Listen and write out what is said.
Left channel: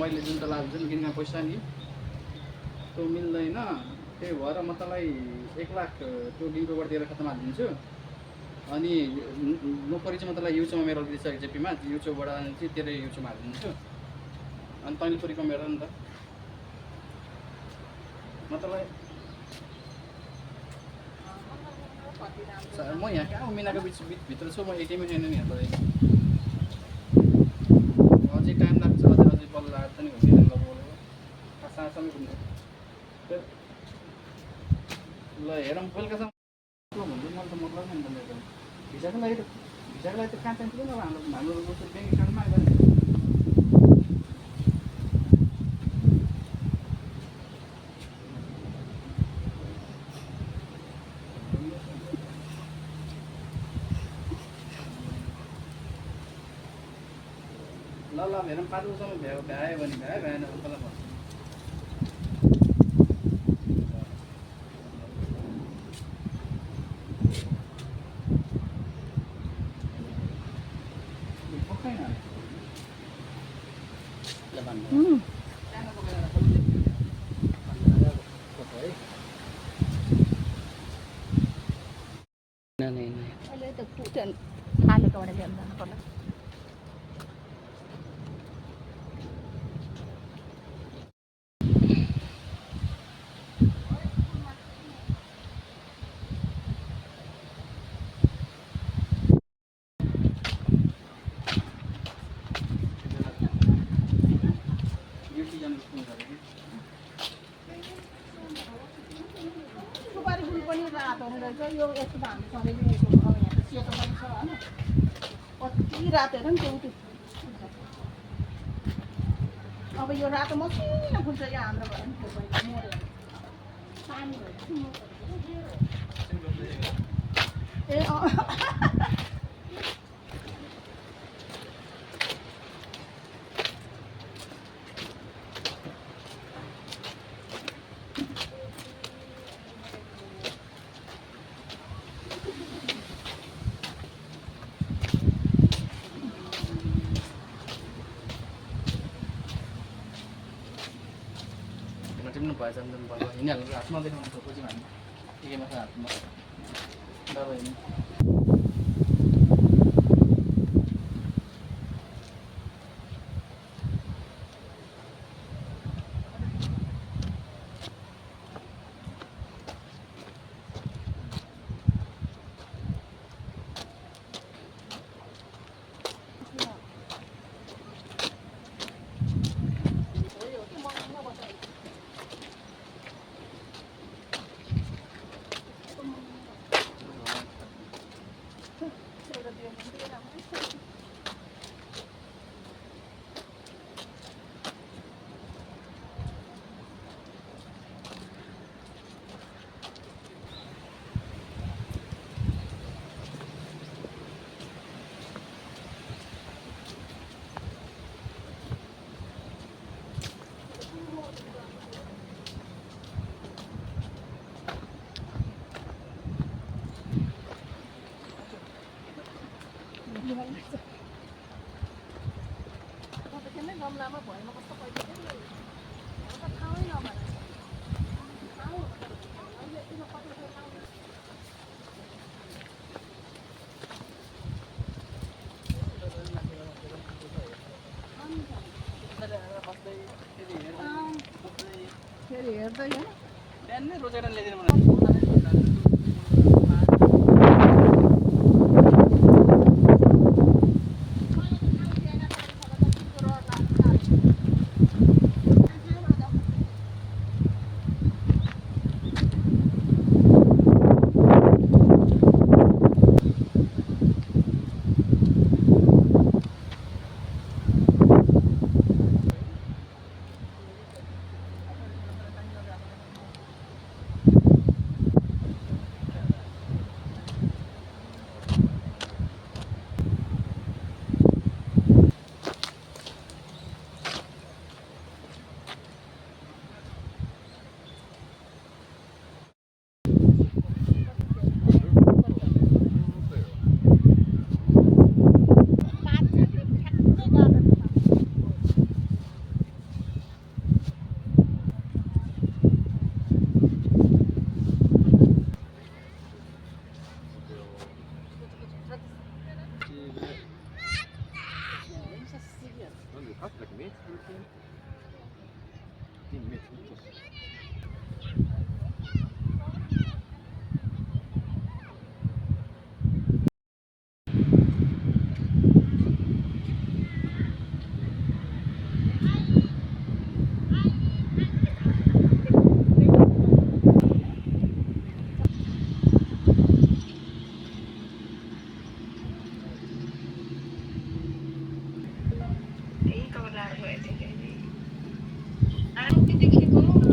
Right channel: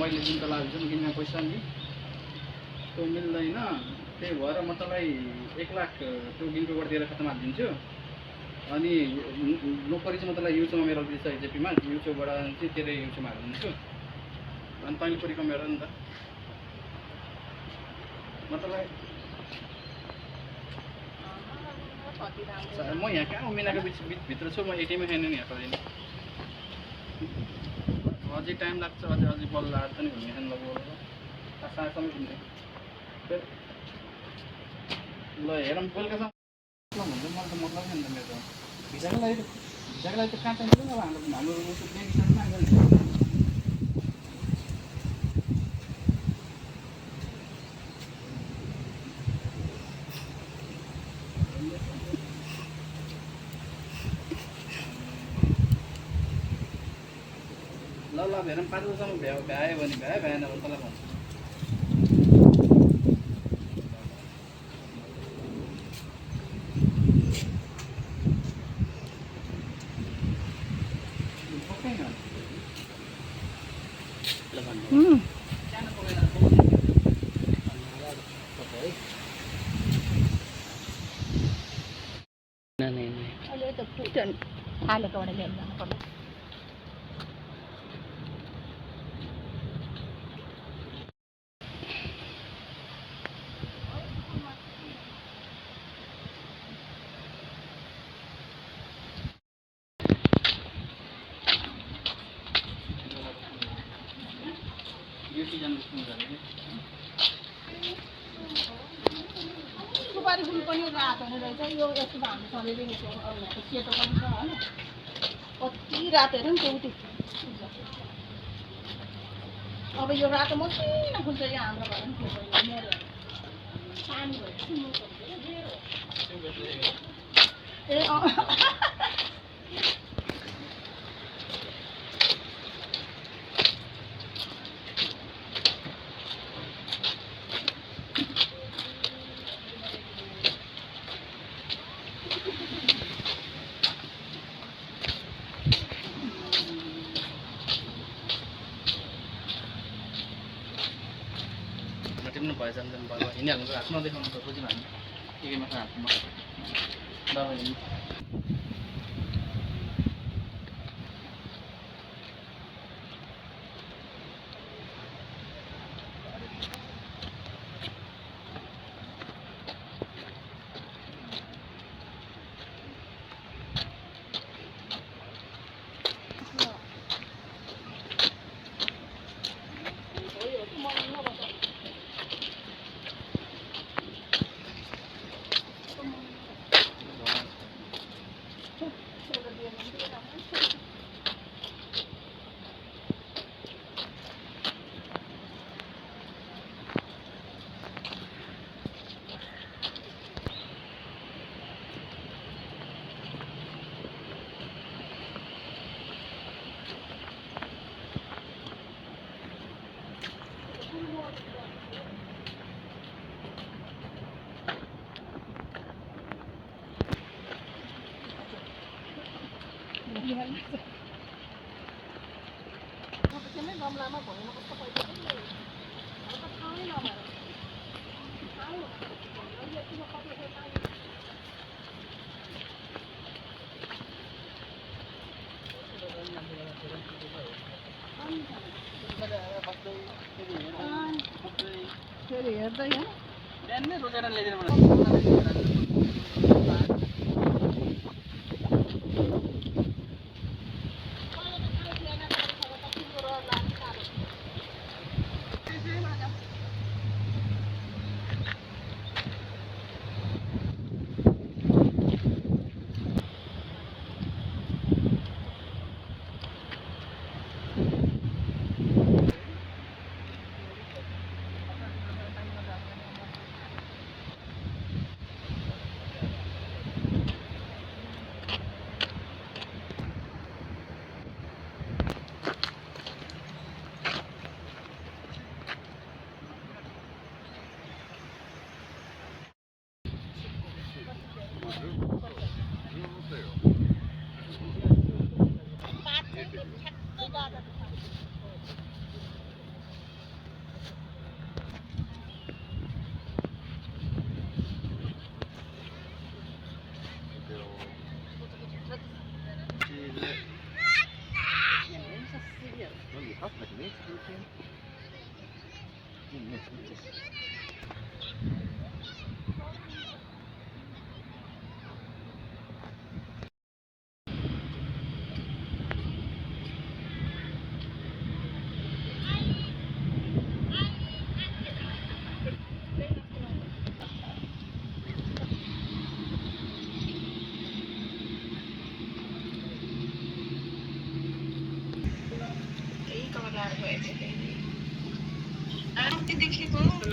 मैले जुन तँलाई जुन किनमा पैसा नि त्यो मिल्दैन, त्यही भएर म तँलाई 1 लाख त्यो गिन्कोबाट दिएर खातामा हालिदिन्छु। अनि नोकरी चाहिँ म तँलाई युचोमा मेरो दिन्छ जेपीमा, युचोबाट चाहिँ तेरो युचोमा हालिदिन्छु। अनि तैँले छोरी कमाएर नि त म तँलाई। म यहाँ कहाँ मिनाको भित्र छु, म एटिएममै छैन नि यहाँ पऱ्यो। अझै टाइम लाग्छ, अझै बल्ल आएर पनि घुमिँदैन ल बोल्नु साँझसम्म घुम्ने। ल हेरौँ बेलुकासम्म भन्दै मलाई त मतलब नि त मेरो भिजाको लागि त कहाँ चाहिन्छ अब हाम्रो ब्याङ्क एकाउन्टमा गऱ्यो। ल हेरौँ 5 बजीसम्म भ्यायो भने भ्याएन भने तँलाई भन्छु। अहिले त फुटन थालेकोबाट लिएर जानु पर्ला। सुपारी फुल पनि रातो हुने रहेछ। यो यस्तो त हाम्रो सधैँ सेतो पनि छ होइन, कति रातो हेर नि त्यो। अब यो रातो मसिनो फुल्छ क्या हाम्रो घर पनि थियो मेरो पानी ए टिप्नु भएछ भने हिँडिहाल्नु हातमा देखाउनु त बुझ्नु हामी के मात्र हातमा दबाई गमलामा भएन कस्तो पैसा त ठाउँ नभएर फेरि हेर्दै बिहान नै रोकेर ल्याइदिनु এই কমলা হয়েছে আর দেখি গো